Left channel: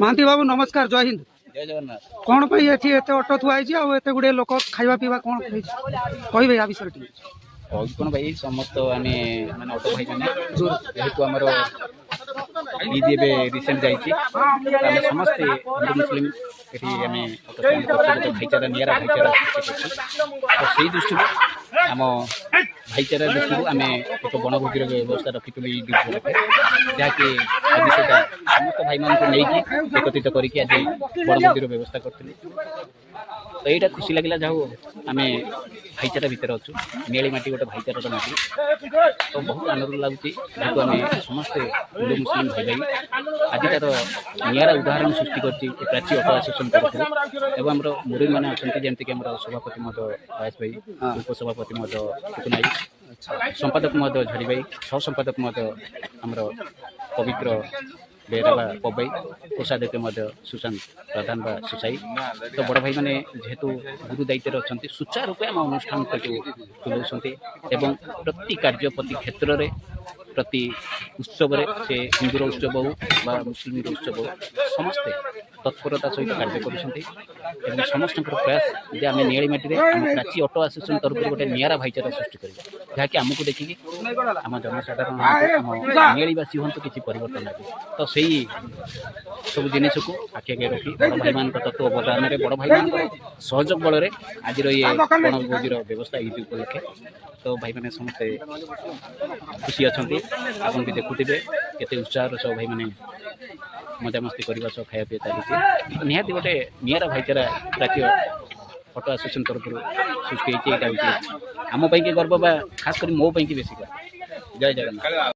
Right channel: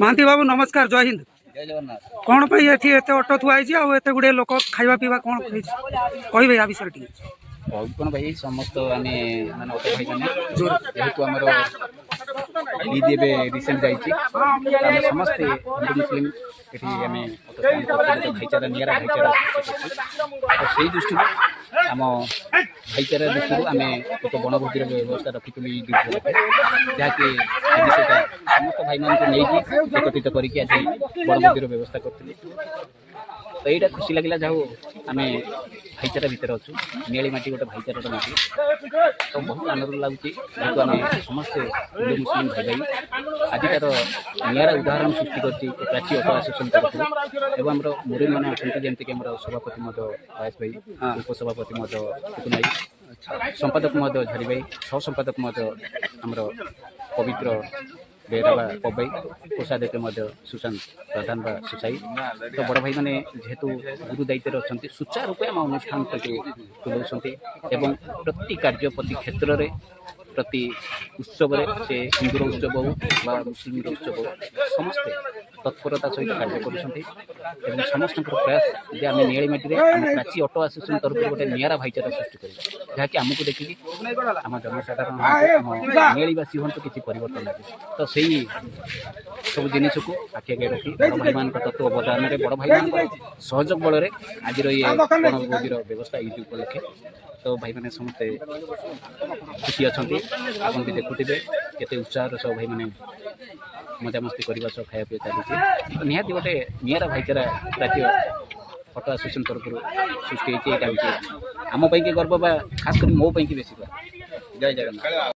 महांती बाबू नमस्कार, जय हिंद। जय जगन्नाथ। कौन पे एठी एते ऑटो थुआई आ एते गुडे लोक खाइबा पीबा कोन कहबे आ विषय टी बहुत कौन भाई समस्त आम मैंने ऑटो भाई मैंने जेहेतु आमर ईद ए रिसेंट जाम समस्ते हिंदू मुस्लिम ये आम ऑटो स्टैंड कर भाईचारा निरा भाईचारा सृष्टि कर तो से दृष्टि आम भाईचारा दृष्टि आम एक बनभोजर व्यवस्था रखी ईद जहाँकि आज से समस्त भाई मान नहीं एकत्रित करके आज बनभोजर व्यवस्था करी तो यहाँ खुशी लगे जाऊ आम भाईचारा भितर अच्छु नियाली माटी गोटे भाईचारार माटी तो बहुत आनंद लगुच जेहतु आम समस्ते हिंदू मुस्लिम भाई भाई आज तार निरा उदाहरण सृष्टि कर प्राची ऑटो एसोसिएशन तरफ एवं आमर मुरबी मैंने अच्छा जमीक सभापति बयास भाई उपसभापति टुकुन भाई संपादक झरी भाई सह संपादक आमर पवित्र बेरा पबई कोषाध्यक्ष सुशांत प्रधान बा सुसाई तो बड़ भाई मैंने जेहेतु गुरु दायित्व अच्छा सुचारू रूपे आम अनुष्ठान तुलाऊँ एवं प्रति कार्य प्रति क्षेत्र में प्रति उत्सव से हिंदूर उत्सव हो मुस्लिम उत्सव हो समस्ते तत्परता सहित कार्य कर समस्त प्रयास जे आम नियाली माटी आम प्राची ऑटो एसोसिएशन तरफ गोटे निरा भाईचारा सृष्टि कर जहाँकि आमको देखिए आम जनसाधारण आम नियालीवासी हूँ किसी परिवर्तन नहीं तो से सब जिनिस को आखि आगे रखी बड़ भाई मान तत्व अवदान में बड़ भाई मान सहयोग बल आज ये बनभोजर व्यवस्था ईद उपलक्षे तो भाई मैंने समस्ते खुशी अच्छा आप भी देखुवे केते उत्साह सब भाई मैंने मजामस्ती करने सह खाया पी चलती तो निहाती गोटे निरा भाईचारा राज्य ऑटो एसोसिएशन तरफ सृष्टि होती आम गर्व बा खास कर मो बेसी जय जगन्नाथ।